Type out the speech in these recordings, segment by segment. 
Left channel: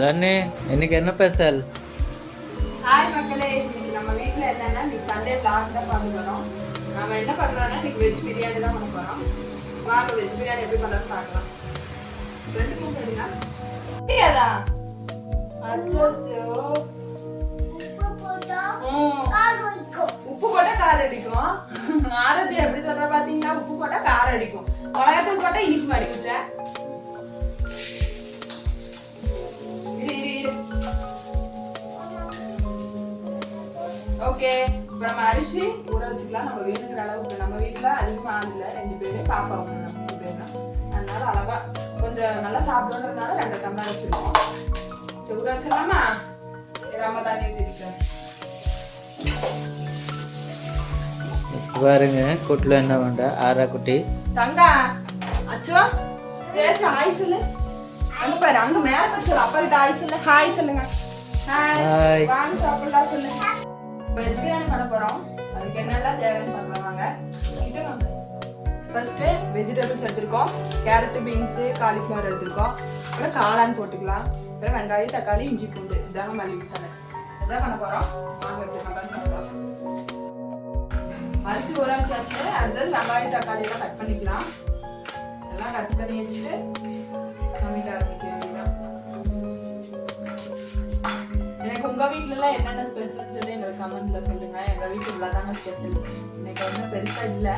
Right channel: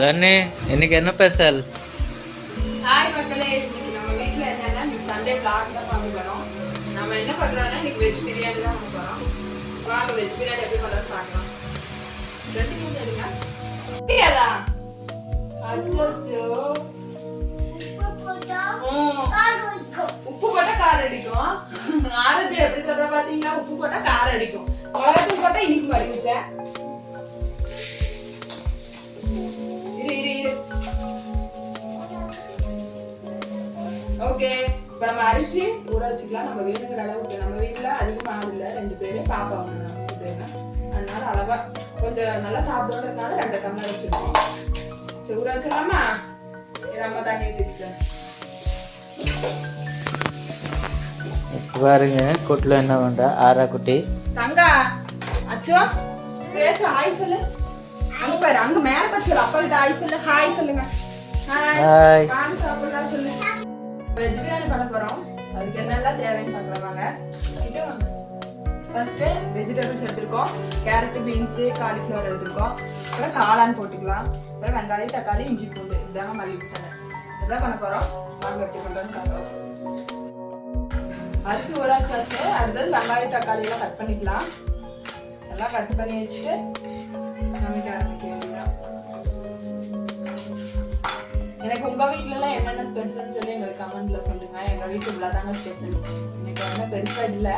தனி இன்னைக்கு என்ன ஸ்பெஷல்? ஹாய் மக்களே, இன்னைக்கு நம்ம வீட்டில் என்னன்னா இன்னைக்கு சண்டே vlog தான் பார்க்க போகிறோம். நம்ம என்ன பண்ணுறோம்னா இன்னைக்கு வெஜ் பிரியாணி தான் பண்ண போகிறோம். வாங்க வெஜ் பிரியாணி எப்படி பண்ணுறது பார்க்கலாம். ரெண்டு கிலோ சரிங்களா? தெரியாதா? அச்சோ, உப்பு போட்டா காரம் அடிக்கும். ஆரத்தி எப்படி சொல்ற பாத்தீங்களா? உப்பு போட்டா காரம் அடிக்கும், மிளகாத்தூள் போட்டா இனிப்பு அடிக்குச்ச. ஓகே, இப்போ நம்ம அரிசி ஊற வச்சுக்கலாம். நம்ம வேணுங்கிற அளவுக்கு, நம்ம வீட்டில் அதிகமாக ஆகல, 2 பேர் பாப்பா ஒன்று, நம்ம 2 பேர் தான். அதனால அளவா கொஞ்சம் நல்லா சாப்பிடணுன்றதுனால 2 டம்ளர் வச்சுருக்கோம். சரி, ஊற வச்சிடலாமா? நம்ம தண்ணி ஊற்றிக்கலாம். பாருங்க கூட்டில் என்ன பண்றா ஆரா குட்டி. தங்கா அச்சோ பேச ஹாய் சொல்லு. அங்க பாரு, அங்க மேல பச்சல அப்பா கிட்ட ஹாய் சொல்லு. ஹாய் சொல்லுங்க. ஹாய். வாங்க சாப்பிடலாம் சொல்லு. வெஜ் பிரியாணி பண்ண போறோம். அதுக்கு என்னெல்லாம் தேவைன்னு பார்க்கலாங்க. கிட்ட வாங்க. ஃபர்ஸ்ட் வெஜிடபிள்ஸ் எடுத்துருக்கோம். கேரட், பீன்ஸ், காலிஃப்ளவர் எடுத்துருக்கோம். அப்புறம் காளான் போட்டுக்கலாம். அப்புறம் வெங்காயம், தக்காளி, இஞ்சி, பூண்டு, இதாங்க மல்லி மசாலா. இதான் பண்ண போறோம். வாங்க எப்படி பண்றோம்னு பார்க்கலாம். அரிசி ஊற வச்சாச்சு. அடுத்தது வெங்காயம், தக்காளி எல்லாம் கட் பண்ணிக்கலாம். எல்லாம் கட் பண்ணி வச்சுட்டு சமைக்க ஆரம்பிக்க வேண்டியதான். எனக்கு உங்க வீட்டுல எல்லாம் என்னென்ன ஸ்பெஷல் சொல்லி எங்களுக்கு கமெண்ட்ல சொல்லுங்க. எங்க வீட்டு இவ்வளவுதாங்க ஸ்பெஷல். இன்னைக்கு ஒன்றும் பெருசா இல்ல.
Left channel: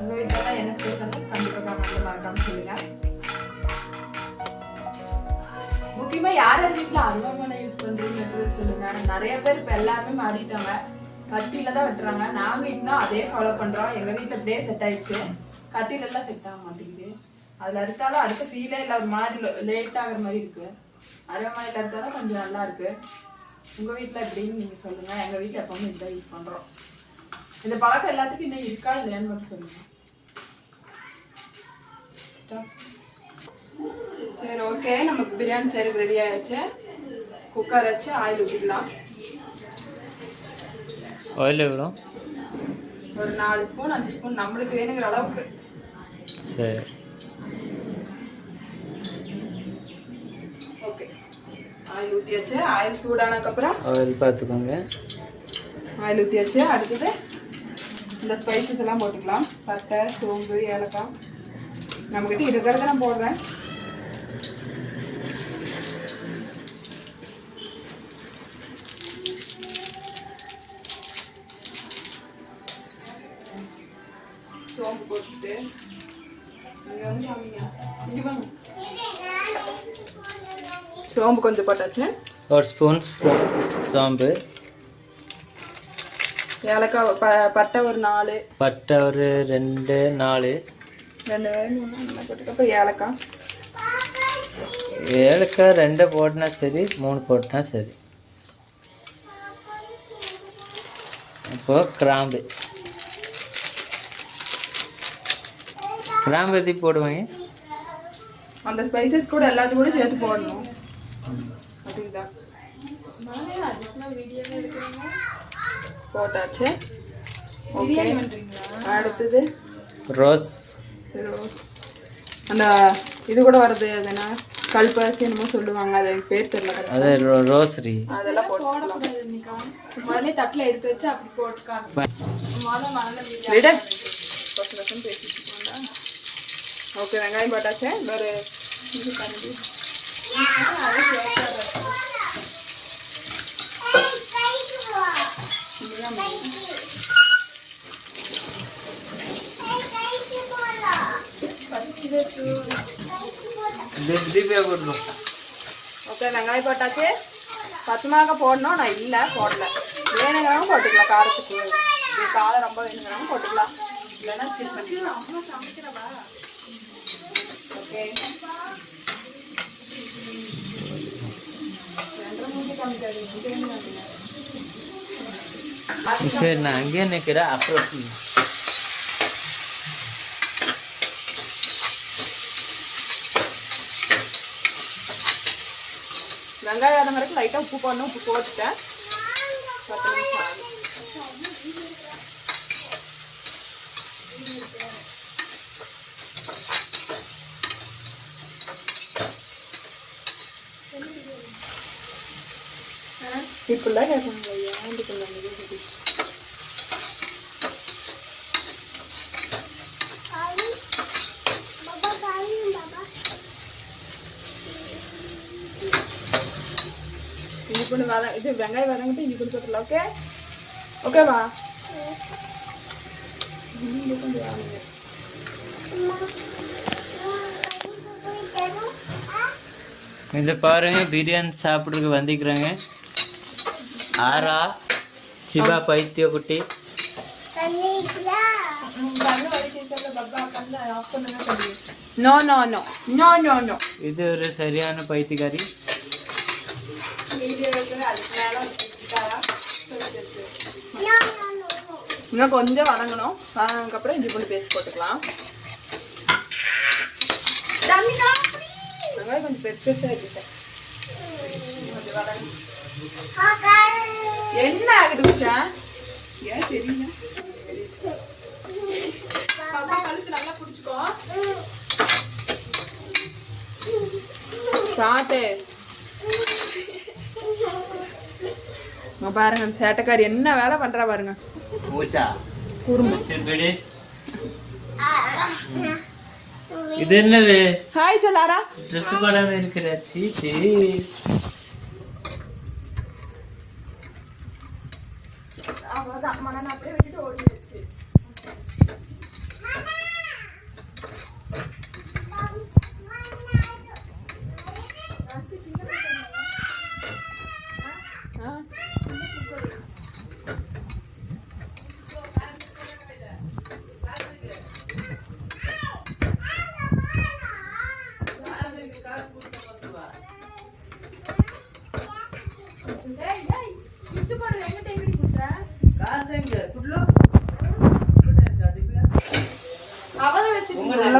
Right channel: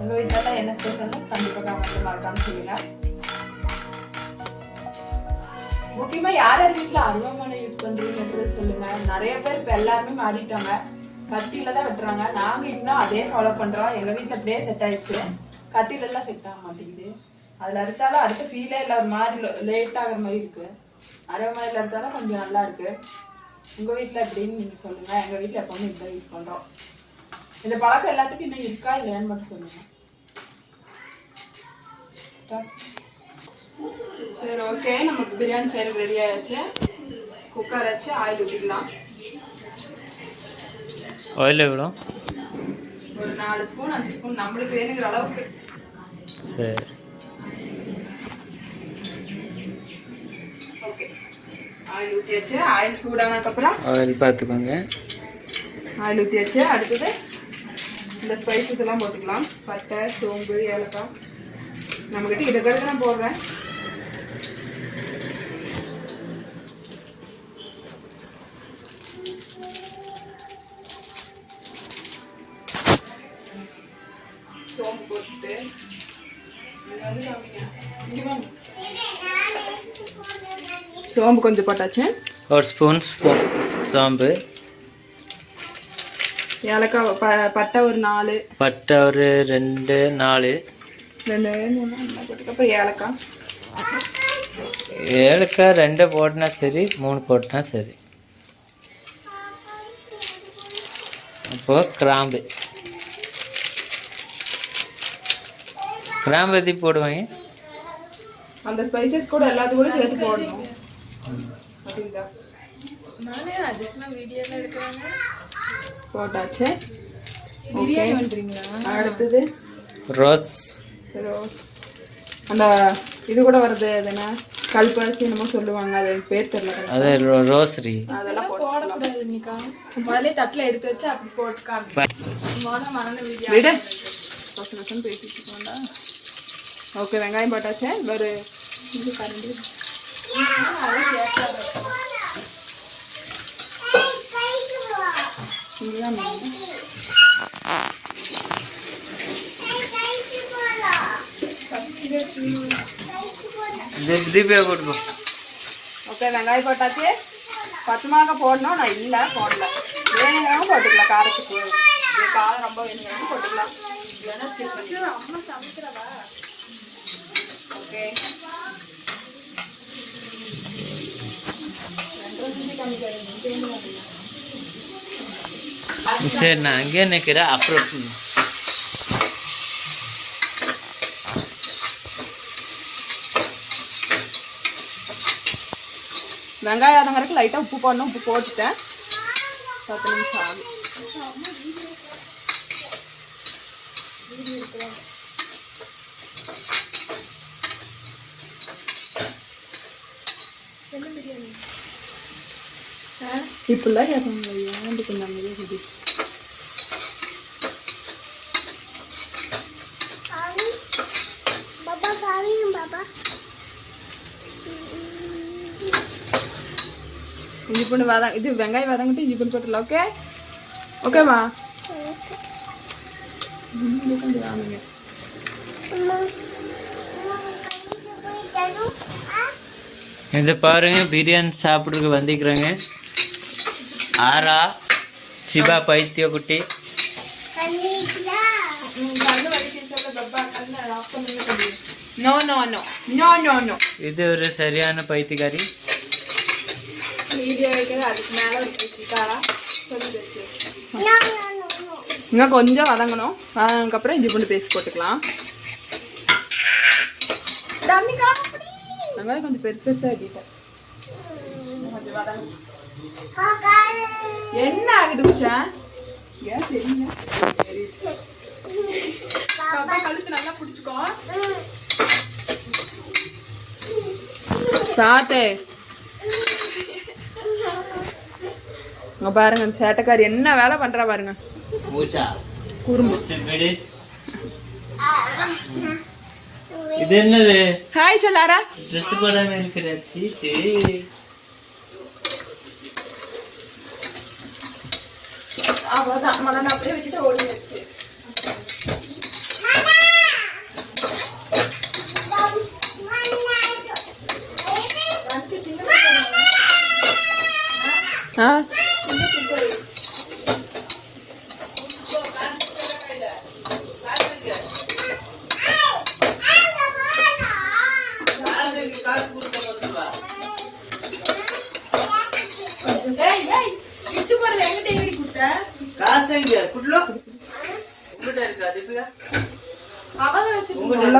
உங்க வீட்டுல எல்லாம் என்ன ஸ்பெஷல்னு கண்டிப்பா கமெண்ட்ல மறக்காம சொல்லுங்க. முக்கியமா யார் யார் வீட்டுல அருவாமனை யூஸ் பண்றீங்கன்றது சொல்லுங்க. நிறைய பேர் இப்ப எல்லாருமே மாறிட்டாங்க, கத்தியில தான் வெட்டுறாங்க. நாங்க இன்னும் அதே ஃபாலோ பண்றோம். எங்க வீட்டுல அப்படியே செட் ஆயிடுச்சு. கத்தியில எல்லாம் செட் ஆக மாட்டேங்குது. அதுல அறுத்தாலும் அடுத்த ஃபீலே இல்லை, ஒரு மாதிரி லேட் ஆகிற மாதிரி இருக்கு. அருவாமனையில அறுத்தாலும் கொஞ்சம் நல்லா இருக்கு. உங்க வீட்டுல எப்படின்னு நீங்க சொல்லுங்க. எங்க வீட்டுல எப்பவுமே இதுதான் யூஸ் பண்றோம். இந்த பழக்கம் எல்லாத்துக்கும் இன்னும் இருக்கா இல்லையான்னு மட்டும் சொல்லுங்க. சரி, ஓகே, நமக்கு பிரியாணி செய்யறது ரெடி ஆயிடுச்சு. குக்கர் வச்சு ஆயில் ஊற்றிக்கலாம். ஆயில் எவ்வளோ? ஒரு 4 ஸ்பூன் 5 ஸ்பூன் நம்மளுக்கு வேணுங்கிற அளவுக்கு. சரி, ஓகே, ஆயில் ஊற்றியாச்சு. ஆயில் சூடானதுக்கப்புறம் ஆயில் பார்த்துக்கோங்க. ஆயில் ஊற்றியாச்சு. அடுத்தது இந்த ஸ்பைசஸ் எல்லாம் போட்டுக்கலாம். பட்டை, சோம்பு, ஏலக்காய். நம்மக்கிட்ட இருக்கிறத நான் போடுறேன். சோம்பு போட்டுட்டு சோம்பு கொஞ்சம் போட்டாச்சு. ஒரு ஸ்பூன் சோம்பு, ஏலக்காய், பட்டை ஒரு 4, பட்டை ஒரு 2 4, அப்புறம் ஏலக்காய். ஏலக்காய் 2 போட்டினா சரி, 3 போட்டினா சரி. அப்போ கிராம்பு எத்தி போடுவாங்க. அந்த ஸ்பைசஸ் கூட எல்லாத்தையும் கூட சேர்த்து போடணும். போட்டாச்சு. அடுத்தது ரோஸ். அந்த இது கூட வருது, அது என்ன கல்பரிசி என்னமோ சொல்லுவாங்க, அது பேர் தெரியல. அது ரோஸ்ரி. அதெல்லாம் போடக்கூடாது. முதல்ல தட்டில் எடுத்து வச்சு அப்படி போட்டுக்காங்க. விட பேசிட்டு. ஓகே, வெங்காயம் போட்டாச்சு. ஒரு இது கரண்டி ஓகே, வெங்காயம் போட்டாச்சு. பச்சை மிளகாய் போடணும், நான் இல்லை போடல. வேணுங்கிறவங்க போட்டுக்கலாம். காரத்துக்கு காரம் ரொம்ப வேணுங்கிறவங்க போட்டுக்கலாம், இல்லைன்னா ஸ்கிப் பண்ணிக்கலாம். ஓகே, சரி, நான் அங்கேயே நிற்கிறேன். அப்புறம் வெங்காயம் அதங்கிறதுக்கு லைட்டாக உப்பு போடணும். உப்பு போட்டுட்டேன். 10 நிமிஷம் ஆகுது. இப்படிலாம் கேட்பாங்க ஏன் கொஞ்சம் சொல்லி இஞ்சி பூண்டு இது வெங்காயம் வதங்கிட்டு இஞ்சி பூண்டு போட்டுடலாம். ஓகே ஓகேவா? இது பாருங்க பிரியாணி சாப்பிட்றதுக்கு வந்துக்கிறாங்க. ஆரா சிவா பைத்திய குட்டி. இது ஒரு சரியான பைத்தியக்காரி. இன்னும் கொஞ்சம் வதங்கணும். வதங்கினதுக்கப்புறம் இஞ்சி பூண்டு பேஸ்ட் போட்டுக்கலாம். வெங்காயம் கொஞ்சம் பெருசு பெருசாக ஆக்கிட்டேன். என்ன ஆகிட்டு குச்சேன்? ஏன் சரிங்க கழுத்து நல்லா பிடிச்சிக்கோ. சாத்தே பாருங்க சேட்டைக்காரி என்ன வேலை பண்றா பாருங்க. குறும்பு. இது என்னது? ஹாய் சொல்லாரா. ட்ரெஸ் போடாம இருக்கிற சீச்சி. அவ்வளவுதான் மன அப்படியே வச்சுட்டு ஓடி வச்சு.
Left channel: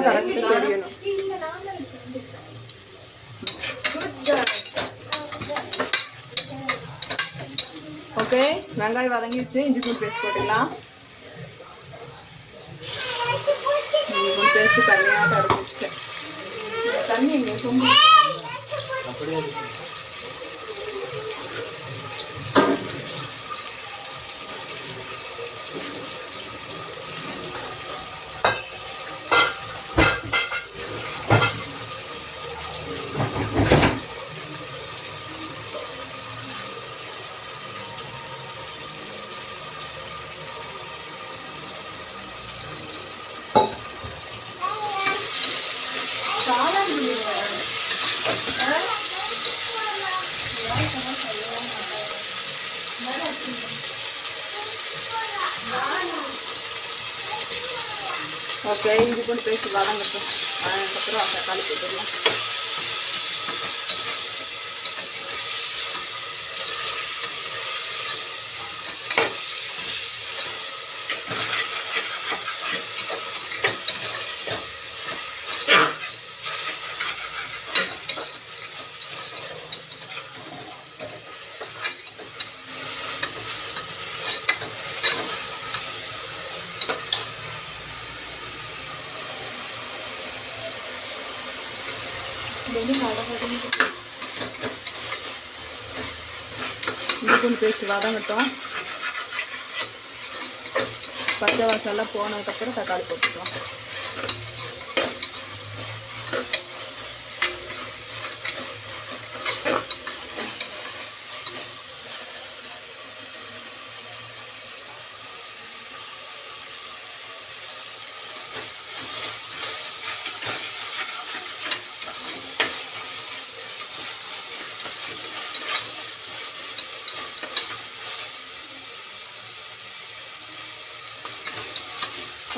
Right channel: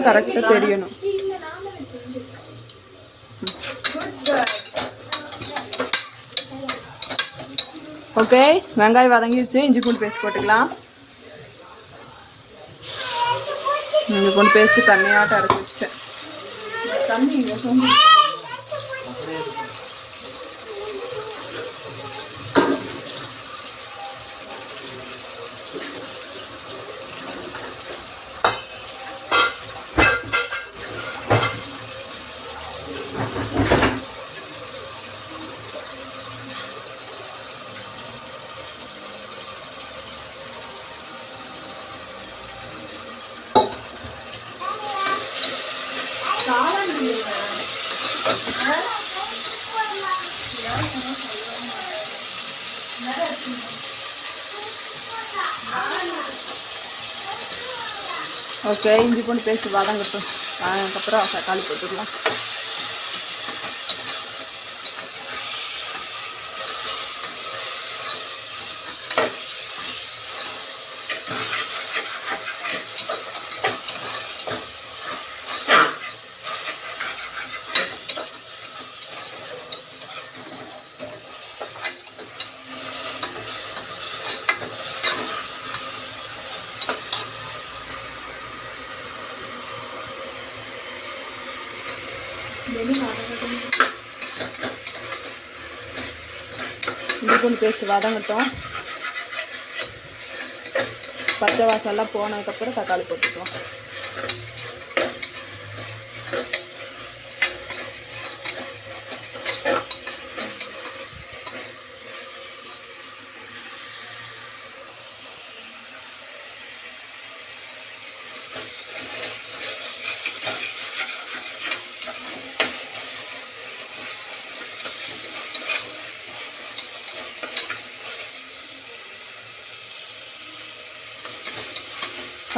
கரெக்டா தெரியணும். ஓகே வெங்காயம் வதங்கிடுச்சு. இஞ்சி பூண்டு பேஸ்ட் போட்டுக்கலாம். இஞ்சி பூண்டு பேஸ்ட் தண்ணியாட்ட அரைச்சி வச்சுட்டேன். தண்ணி சொம்பு. ஓகே இஞ்சி பூண்டு பேஸ்ட் வதங்கட்டும். அதுக்கப்புறம் தக்காளி போட்டுடலாம். இஞ்சி பூண்டு பேஸ்ட் வதங்கட்டும். பச்சை வாசல்லாம் போனதுக்கப்புறம் தக்காளி போட்டுக்கலாம்.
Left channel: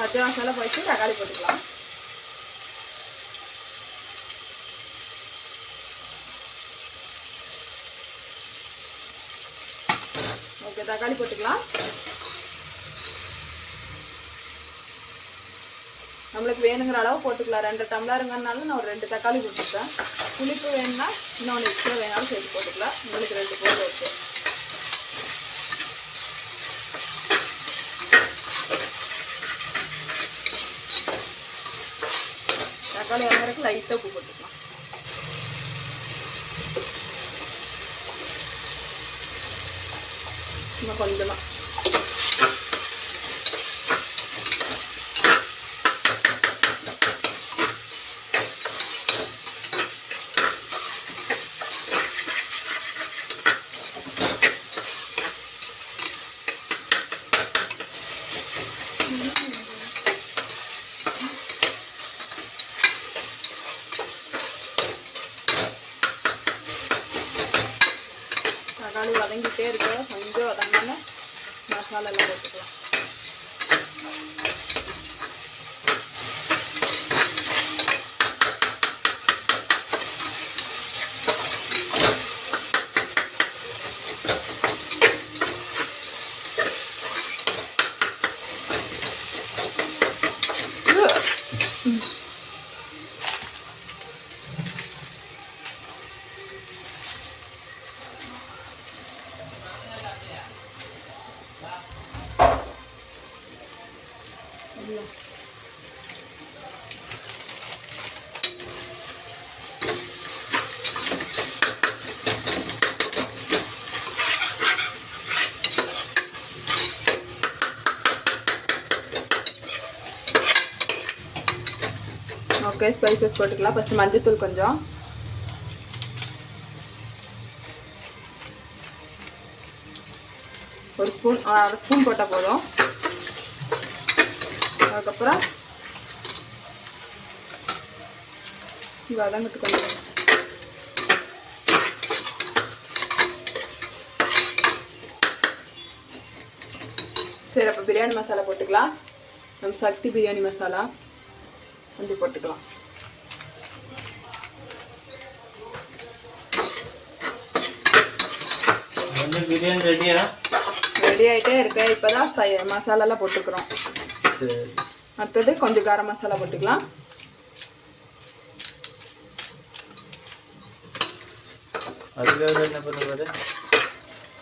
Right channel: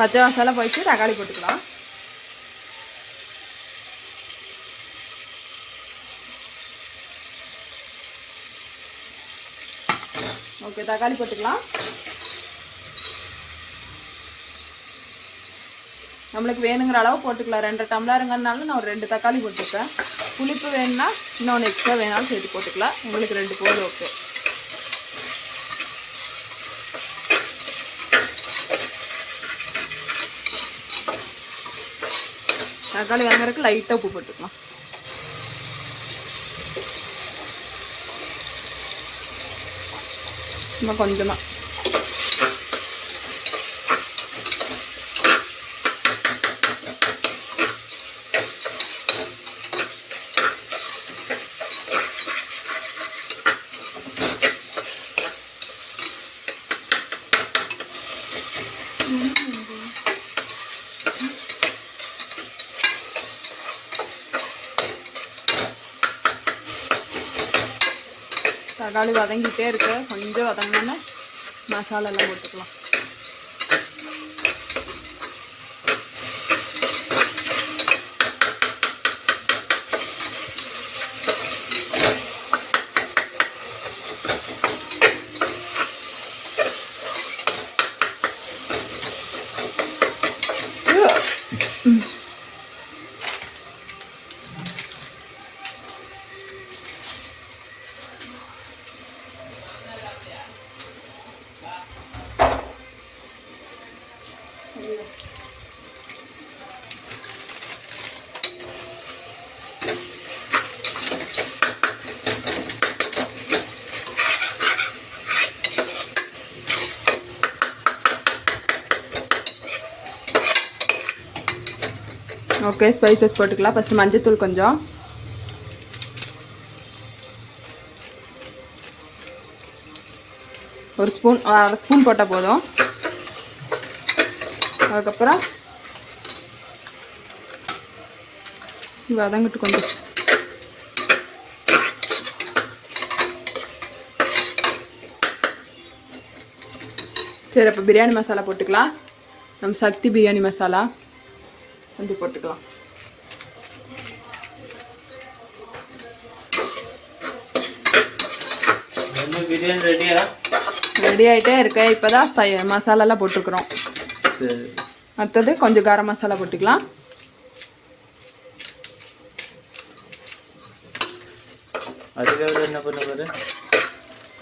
பச்சை மசாலா போயிட்டு தக்காளி போட்டுக்கலாம். ஓகே தக்காளி போட்டுக்கலாம். நம்மளுக்கு வேணுங்கிற அளவு போட்டுக்கலாம். 2 டம்ளருங்கிறதுனால நான் ஒரு 2 தக்காளி போட்டுருக்கேன். புளிப்பு வேணும்னா இன்னொன்று எக்ஸ்ட்ரா வேணாலும் சேர்த்து போட்டுக்கலாம். உங்களுக்கு 2 போதும். ஓகே தக்காளி வாங்குறதுக்கு லைட்டாக உப்பு போட்டுக்கலாம். இன்னும் கொஞ்சமாக. தக்காளி வதங்கிட்டே இருக்கு, கொஞ்சம் வதங்கினா மசாலா எல்லாம் போட்டுக்கலாம். ஓகே, ஸ்பைசஸ் போட்டுக்கலாம். ஃபஸ்ட்டு மஞ்சத்தூள் கொஞ்சம், ஒரு ஸ்பூன், அரை ஸ்பூன் போட்டால் போதும். அதுக்கப்புறம் வதங்கிட்டு கொஞ்சம் சரி. அப்போ பிரியாணி மசாலா போட்டுக்கலாம். நம்ம சக்தி பிரியாணி மசாலா கொஞ்சம் போட்டுக்கலாம். பிரியாணி ரெடியா? ரெடி ஆகிட்டே இருக்கு. இப்போதான் மசாலாலாம் போட்டுக்கிறோம். அடுத்தது கொஞ்சம் கரம் மசாலா போட்டுக்கலாம். அதுக்காக என்ன பண்ணுறது?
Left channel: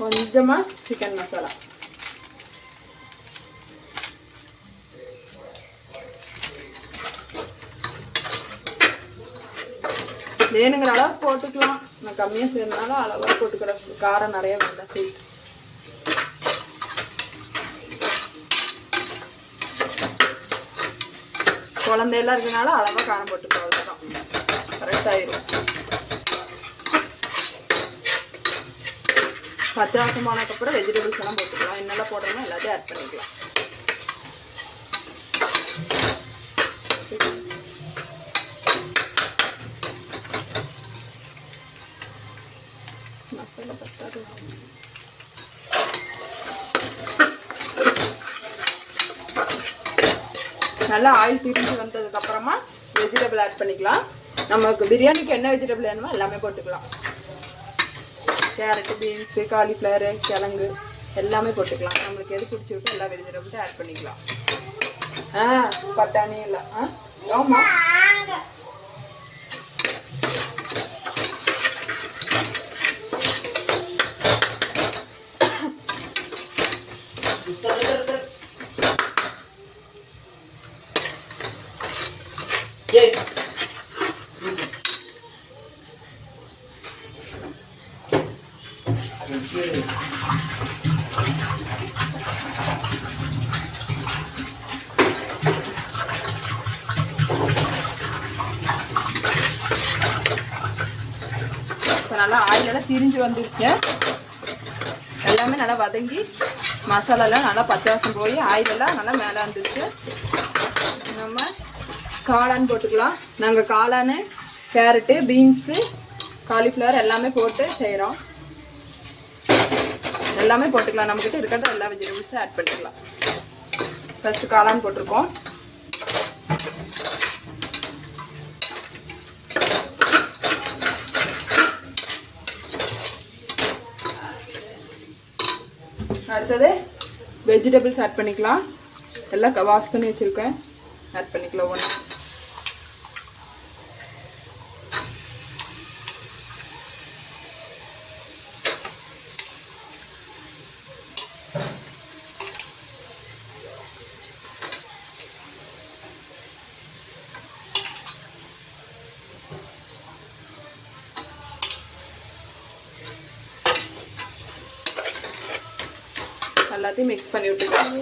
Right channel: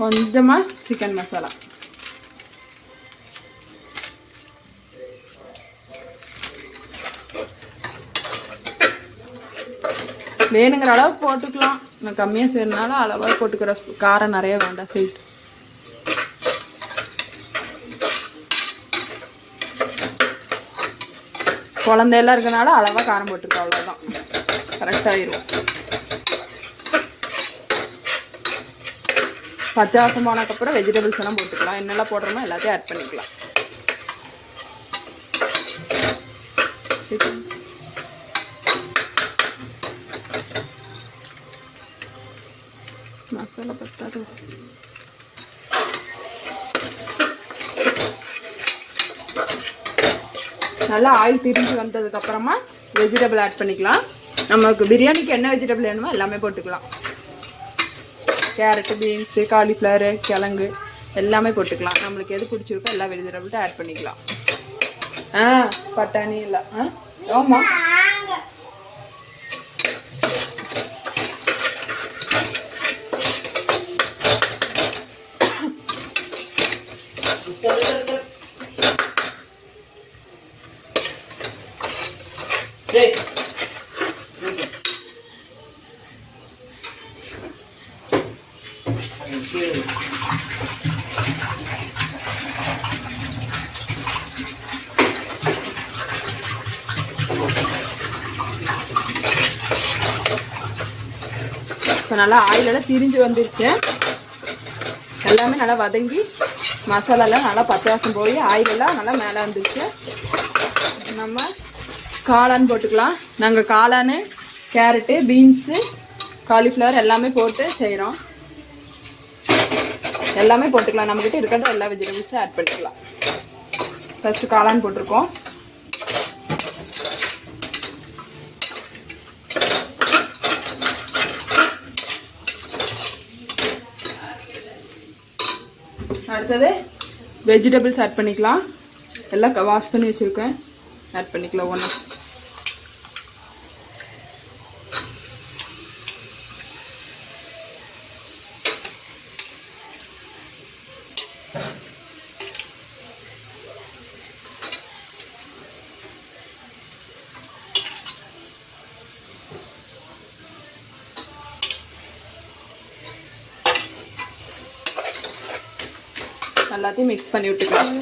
கொஞ்சமாக சிக்கன் மசாலா, வேணுங்கிற அளவு போட்டுக்கலாம். நான் கம்மியாக செய்யறதுனால அளவாக போட்டுக்கிற, காரம் நிறைய வேண்டாம். ஸ்வீட் குழந்தையெல்லாம் இருக்கனால அளவாக காரம் போட்டுக்கோ, அவ்வளோதான், கரெக்டாகிடும். பச்சை வாசம் போனதுக்கப்புறம் வெஜிடபிள்ஸ் எல்லாம் போட்டுக்கலாம். என்னெல்லாம் போடுறோமோ எல்லாத்தையும் ஆட் பண்ணிக்கலாம். மசாலா பத்தாது. நல்லா ஆயில் திரிஞ்சு வந்ததுக்கப்புறமா வெஜிடபிள் ஆட் பண்ணிக்கலாம். நமக்கு பிரியாணிக்கு என்ன வெஜிடபிள் வேணுமோ எல்லாமே போட்டுக்கலாம். கேரட்டு, பீன்ஸு, காலிஃப்ளவரு, கிழங்கு எல்லாமே போட்டுக்கலாம். நம்மளுக்கு எது பிடிச்சிருக்கோ எல்லா வெஜிடபிள்ஸும் ஆட் பண்ணிக்கலாம். பட்டாணி இல்லை. ஆமாம், இப்போ நல்லா ஆயிலெல்லாம் திரிஞ்சு வந்துருச்சு. எல்லாமே நல்லா வதங்கி மசாலாலாம் நல்லா பச்சை வாசம் போய் ஆயிலெல்லாம் நல்லா மேலே வந்துருச்சு. நம்ம காளான் போட்டுக்கலாம். நாங்கள் காளான், கேரட்டு, பீன்ஸு, காலிஃப்ளவர் எல்லாமே போட்டு செய்கிறோம். எல்லாமே போட்டுக்கலாம். நம்மக்கிட்ட இருக்கிறத எல்லா வெஜிடபிள்ஸும் ஆட் பண்ணிக்கலாம். ஃபஸ்ட்டு காளான் போட்டிருக்கோம். அடுத்தது வெஜிடபிள்ஸ் ஆட் பண்ணிக்கலாம். எல்லாம் வாஷ் பண்ணி வச்சுருக்கேன், ஆட் பண்ணிக்கலாம் ஒன்று. எல்லாத்தையும் மிக்ஸ் பண்ணி விட்டுக்கலாம்.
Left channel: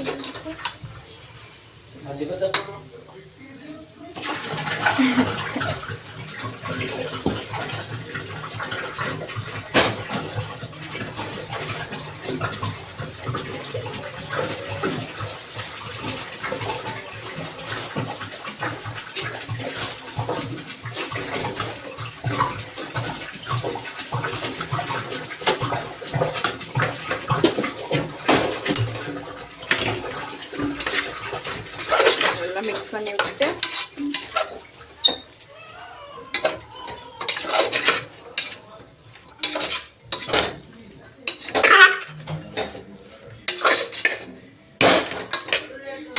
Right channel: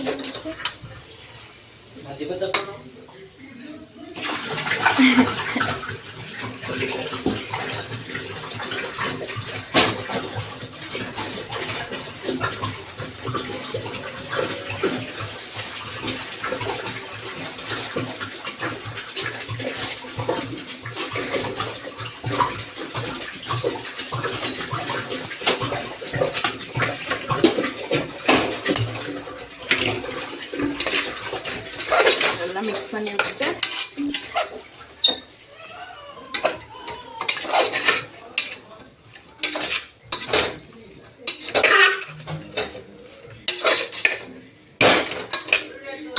நல்லா மிக்ஸ் பண்ணி விட்டுட்டு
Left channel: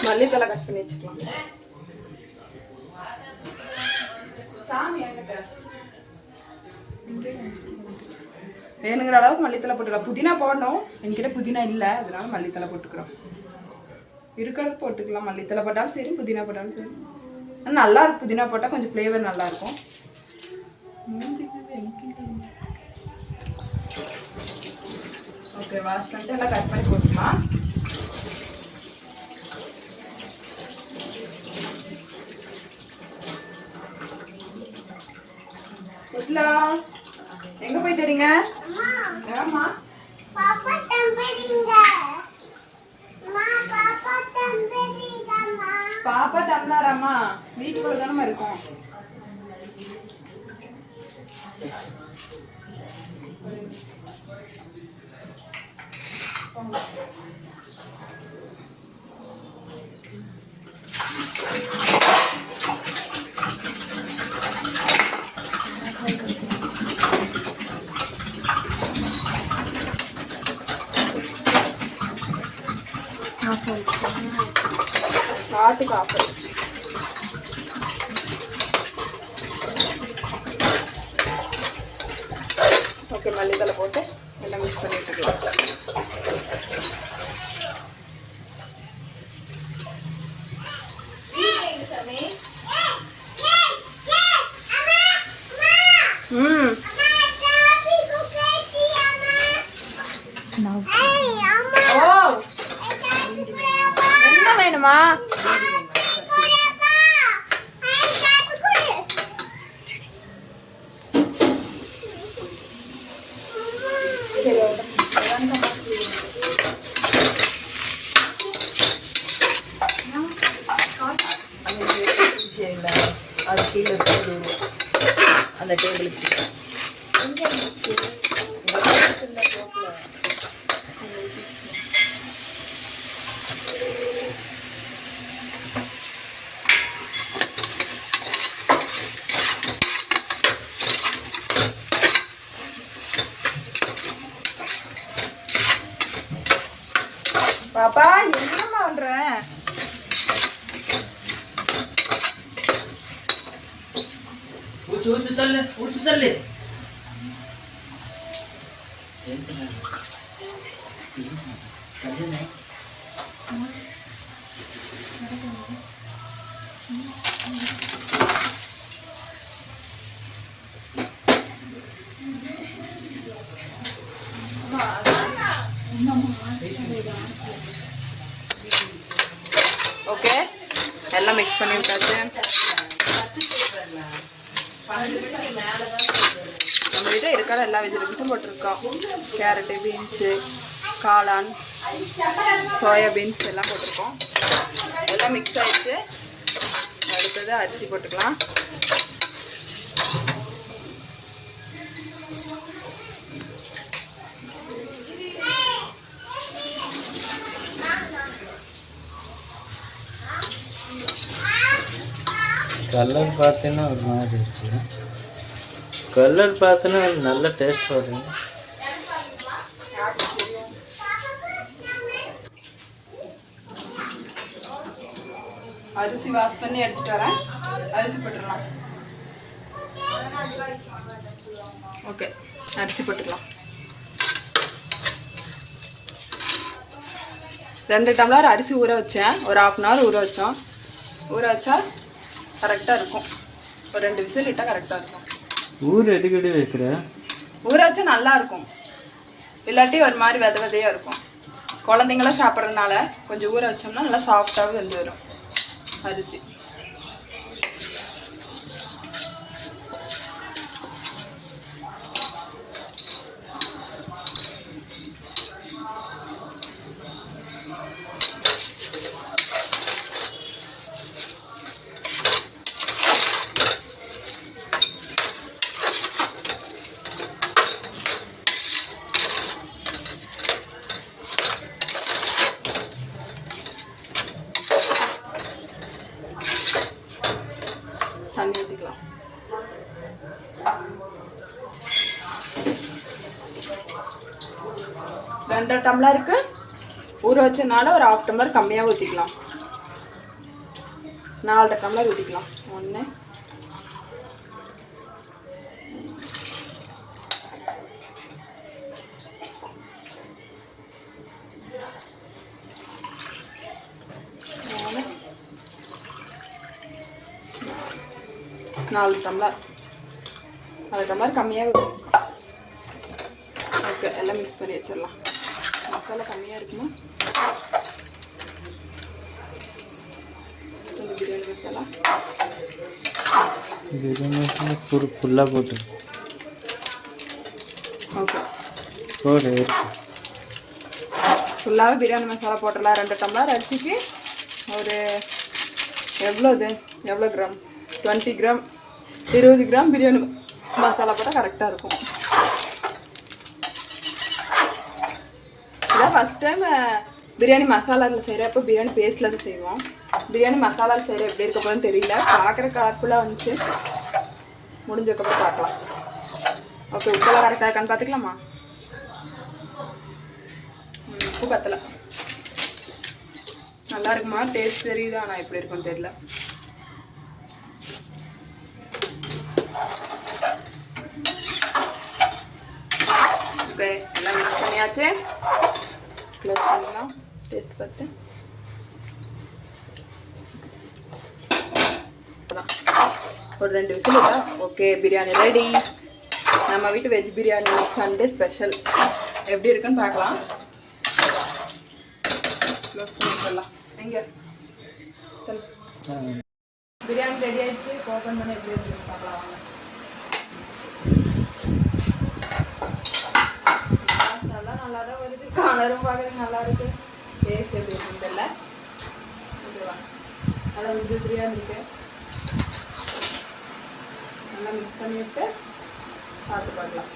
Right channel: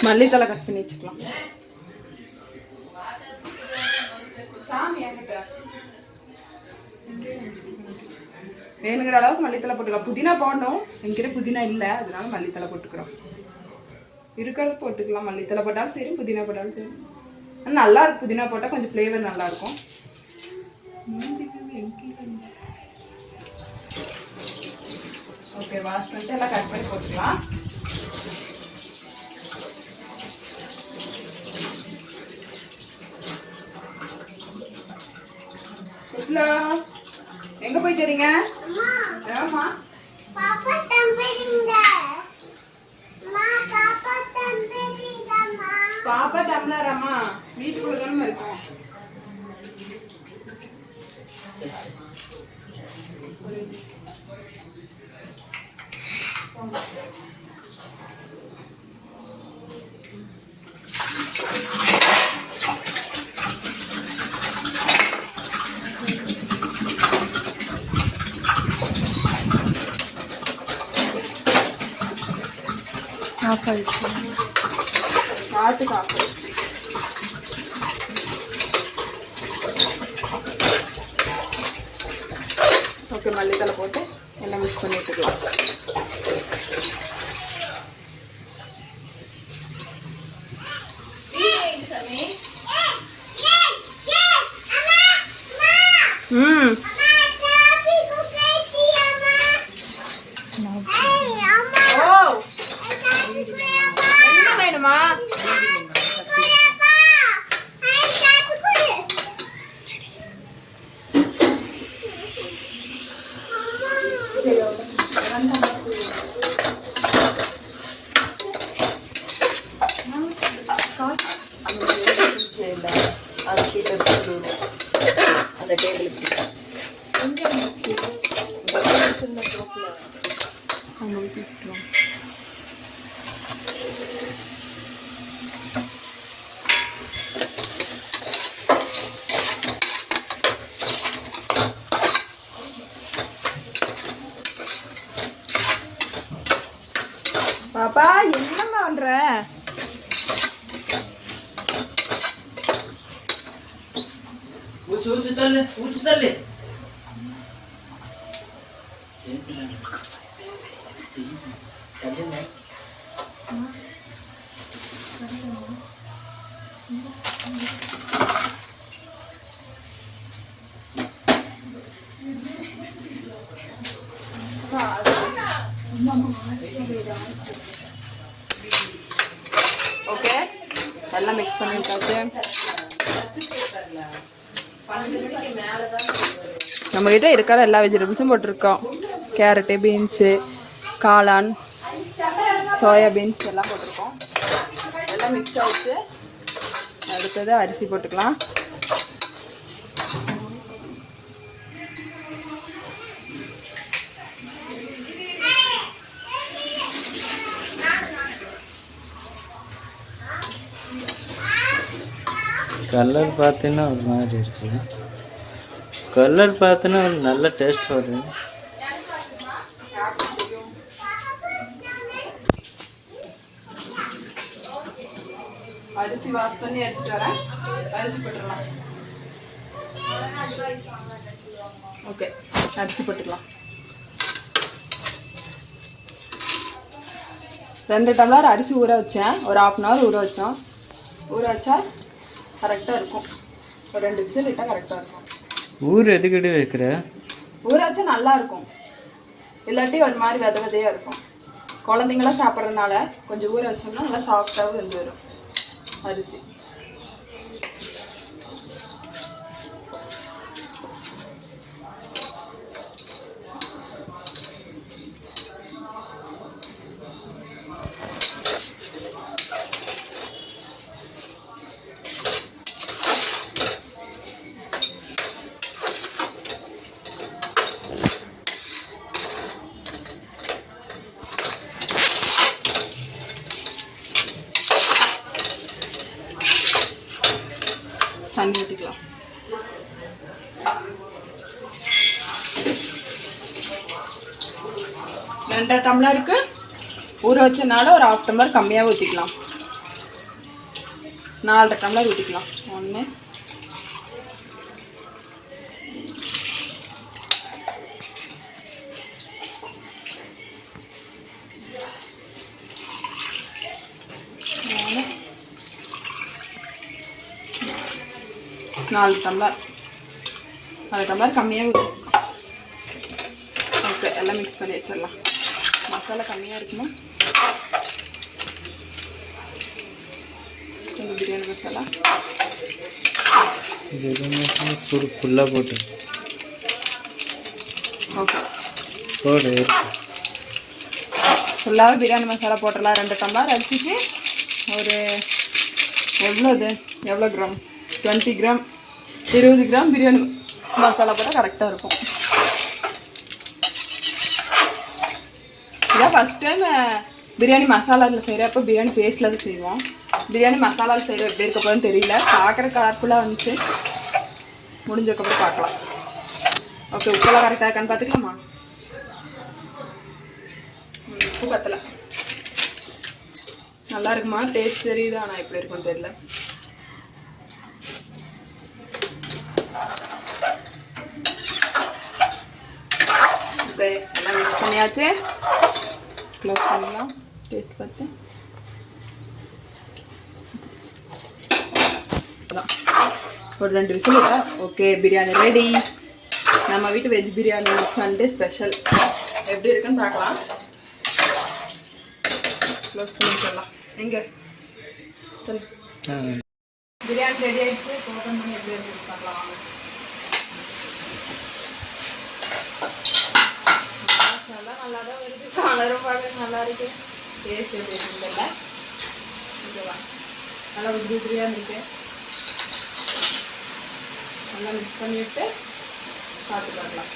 மல்லித்தலை கட் பண்ணி வச்சுக்கலாம். வேணுங்கிற அளவுக்கு மல்லித்தலை போட்டுக்கலாம். புதினா போடணும், என்கிட்ட புதினா இல்லை, அதனால மல்லித்தலை போட்டுக்கிறோம். இருக்கிறது போட்டுக்கலாம். மல்லித்தலை போட்டாலும் சரி, புதினா போட்டாலும் சரி. ஆனால் நல்லா இருக்கும். புதினா போட்டால் கொஞ்சம் ஃப்ளேவர் நல்லாயிருக்கும். ஓகே, வாஷ் பண்ணிட்டு எல்லாம் கட் பண்ணி போட்டுக்கலாம். எங்க போயிட்டு வரீங்க? ஆமா, பாப்பா டம்ளராமா வீட்டுக்குள்ள தானே இருக்கும். ஆட்டுக்கு ஆஃபர். ஓகே, மல்லித்தலை போட்டு எல்லாம் மிக்ஸ் பண்ணி வச்சுக்கலாம். என்ன வேணுமா? அது கீழே இருக்குது அந்த டேபிளுக்கு. பாப்பா என்னம்மா பண்ற? ஊத்து தள்ளு, ஊத்து தள்ளு. ஓகே, எல்லாம் மிக்ஸ் பண்ணி விட்டாச்சு. நம்மகிட்ட இருக்கிற எல்லா வெஜிடபிள்ஸும் போட்டிருக்கோம். கேரட்டு, பீன்ஸு, காளான், சோயா பீன்ஸ் எல்லாம் போட்டிருக்கோம். எல்லாம் மிக்ஸ் ஆயிடுச்சு. அடுத்தது அரிசி போட்டுக்கலாம். கலர் பார்த்தீங்கன்னா ஒரு மாதிரி இருக்கு. கலர் பார்த்தீங்கன்னா ஒரு நல்ல டேஸ்ட் வருது. அரிசி வாஷ் பண்ணி எடுத்துட்டு வரேன். அரிசி போட்டுடலாம். ஓகே, அரிசி போட்டுக்கலாம். 2 டம்ளர் அரிசி ஊற வச்சேன். ஒரு 1/2 hour ஊற வச்சோம். ஊற வச்சா கரெக்டாக இருக்கும். ஒரு 2 விசில் இட்டால் கரெக்டாக இருக்கும். ஊர் எதுக்கிட்டு வைக்கிற? ஊற வச்சா நல்லா இருக்கும். இல்லாட்டி ஒரு மாதிரி விதையாக இருக்கும். குழந்தைங்களாம் சாப்பிட்றதுனால கொஞ்சம் ஊற வச்சோம்னா நல்லா சாஃப்டாகவும் வெந்து வரும் அரிசி. தண்ணி ஊற்றிக்கலாம். ரெண்டரை டம்ளருக்கு ஊற வச்சனால ஒரு 1/2 டம்ளர் கம்மியாக ஊற்றிக்கலாம். 4.5 டம்ளர் ஊற்றிக்கலாம். 1 4 டம்ளர் 4 டம்ளர் கம்மியாக. ஓகே, எல்லாம் மிக்ஸ் பண்ணி வச்சிடலாம். மசாலா கம்மியாக இருக்குமா? கொஞ்சம் பிரியாணி மசாலா ஃபுல்லாக போட்டு ஓகே போடு. ஃபுல்லாகவே பிரியாணி மசாலா போட்டுடலாம். 2 டம்ளர் அரிசிக்கு ஒரு எவ்வளோ gram? 20 gram 20 gram biryani masala போட்டால் கரெக்டாக இருக்கும். இதான் ஃபஸ்ட் டைம் பிரியாணி மசாலாவில் செய்கிறப்போ பிரியாணி பேஸ்ட்டில் தான் செய்வோம். பிரியாணி மசாலாவில் செய்கிற எப்படி இருக்க போதுன்னு தெரியல. பார்க்குற கலர்ஃபுல்லாக வந்துச்சு. முடிஞ்சதுக்கப்புறம் பார்க்கலாம். ஓகே, உப்பெல்லாம் கரெக்டாக இருக்கான்னு பார்த்துக்கலாமா? உப்பு பத்தலை. நல்லா இருக்குமா? டேஸ்ட் தெரியுதா? ஆனால் எப்படி இருக்குன்னு தெரியல. ஓகே, எல்லாம் மிக்ஸ் பண்ணியாச்சு. க்ளோஸ் பண்ணிடலாம். டேஸ்ட் பார்த்து ஒரு 2 விசில். Okay, biryani ready. நம்ம வீட்டு வெஜ் பிரியாணி சண்டே ஸ்பெஷல். எப்படி இருக்குன்னு பார்க்கலாம். க்ளோஸ் பண்ணி சொல்லலாம். எங்கே பிரியாணி ரெடி ஆயிடுச்சு. ஓப்பன் பண்ணி எப்படி இருக்குன்னு பார்க்கலாம் வாங்க. நல்லா தான் வருது. கலரும் பார்க்க நல்லா இருக்கு. டேஸ்ட் எப்படி இருக்குன்னு தெரியல. ஓகேவா? நல்லா உதிரி உதிரியாக இருக்கு. நல்லா மிக்ஸ் பண்ணிவிட்டு சாப்பிட்டு பார்க்கலாம்.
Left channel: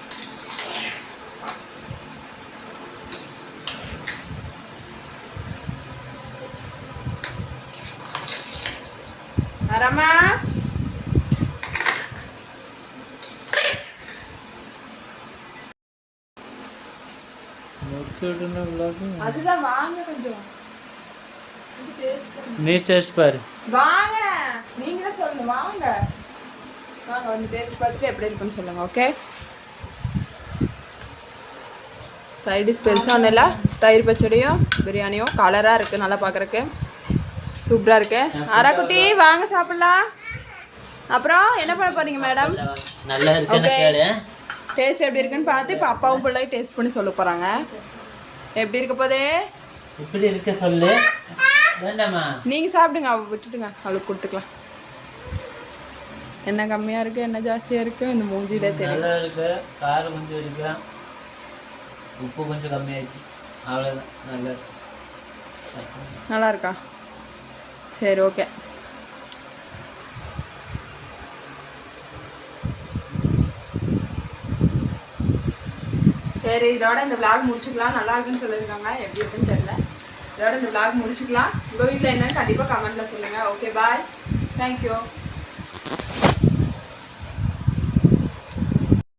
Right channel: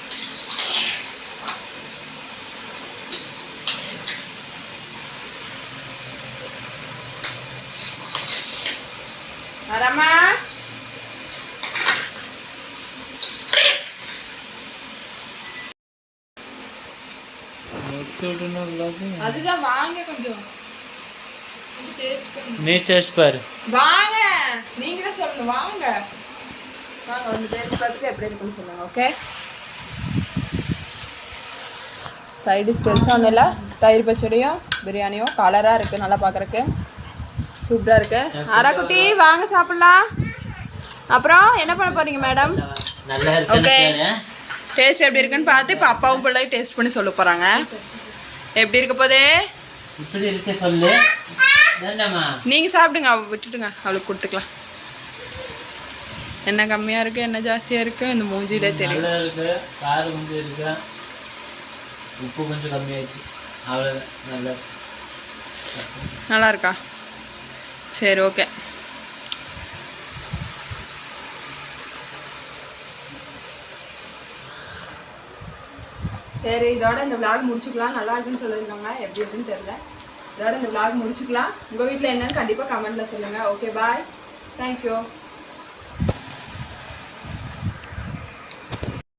வரமா அதுதான் வாங்க. கொஞ்சம் நீ டேஸ்ட் பாரு. வாங்க, நீங்க தான் சொல்லணும். வாங்க வாங்க வந்து டேஸ்ட் பார்த்துட்டு எப்படி இருக்குன்னு சொல்லுங்க. ஓகே, சைட் டிஷ் பெருசாக ஒன்றும் இல்லை. தயிர் பச்சடியும் பிரியாணியும் கலராக இருக்குது. நல்லா பார்க்குறக்கு சூப்பராக இருக்குது. ஆராக்குட்டி வாங்க சாப்பிட்லாம். அப்புறம் என்ன பண்ண போறீங்க மேடம்? ஓகே, டேஸ்ட் எப்படி இருக்குன்னு பார்த்து இப்போ அப்பாவும் பிள்ளையும் டேஸ்ட் பண்ணி சொல்ல போகிறாங்க. எப்படி இருக்க போதே? இப்படி இருக்க சொல்லு. நீங்கள் சாப்பிடுங்க, விட்டுட்டுங்க, அவளுக்கு கொடுத்துக்கலாம். என்ன கம்மியாக இருக்குது என்ன ஜாஸ்தியாக இருக்குது இந்த மூஞ்சிலே தெரியும். நல்லா இருக்கு. காரம் கொஞ்சம் இருக்கு. உப்பு கொஞ்சம் கம்மியாயிடுச்சு. அவ்வளோதான். நல்லா இருக்கா? சரி, ஓகே. சரி, இதோட இந்த விளாக் முடிச்சுக்கலாம். நல்லா இருக்குன்னு சொல்லியிருக்காங்க. எப்படி இருக்குன்னு தெரியல. இதோட இந்த விளாக் முடிச்சுக்கலாம். உங்கள் வீட்டில் என்னன்னு கண்டிப்பாக கமெண்ட்டில் சொல்லுங்கள். ஓகே, பாய். தேங்க்யூ.